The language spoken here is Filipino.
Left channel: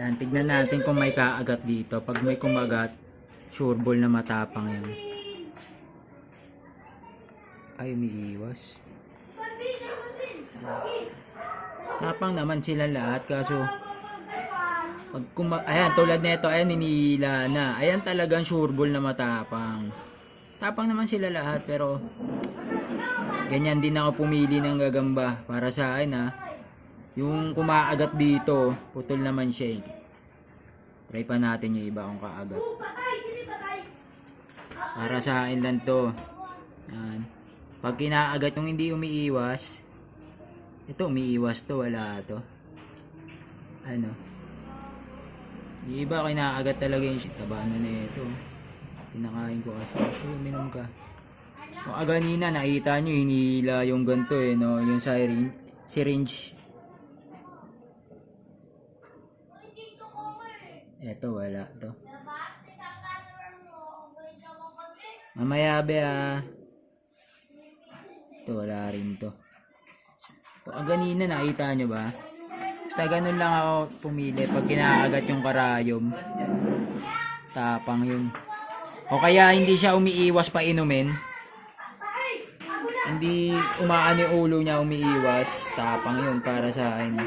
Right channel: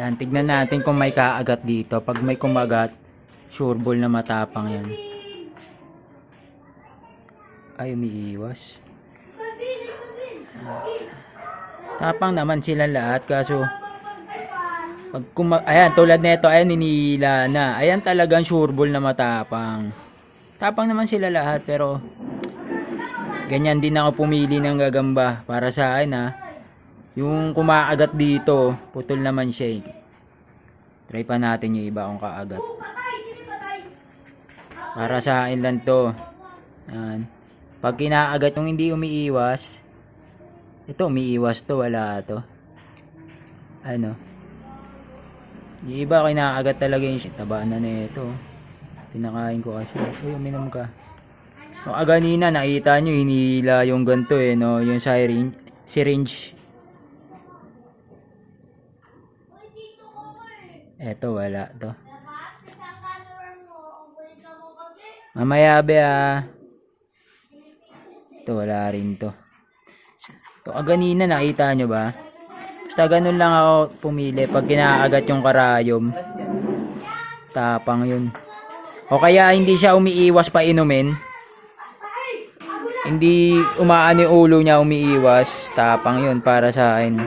Yan, tignan natin kung may kaagat dito. Pag may kumagat, sureball na matapang yan. Ay, umiiwas. Tapang naman sila lahat, kaso pag ayan, tulad nito, ayan, ninila na. Ayan talagang sureball na matapang. Tapang naman sila lahat, pero ganyan din ako pumili ng gagamba para sa akin, ha. Yung kumaagat dito, putol naman siya, eh. Try pa natin yung iba kung kaagat. Para sa akin lang to. Ayan. Pag kinaagat yung hindi umiiwas, ito umiiwas to, wala to. Ano? Yung iba kinaagat talaga yung tabaan na ito. Pinakain ko kasi. Uy, uminom ka. O, ganina nakita nyo, hinila yung ganito, eh, no? Yung syringe. Eto, wala to. Mamaya be, ah. Ito, wala rin to. So, ganina nakita nyo ba? Basta ganun lang ako pumili pag kinaagat yung karayom. Tapang yun. O kaya hindi siya umiiwas pa inumin. Hindi umaano yung ulo niya, umiiwas. Tapang yun para sa akin.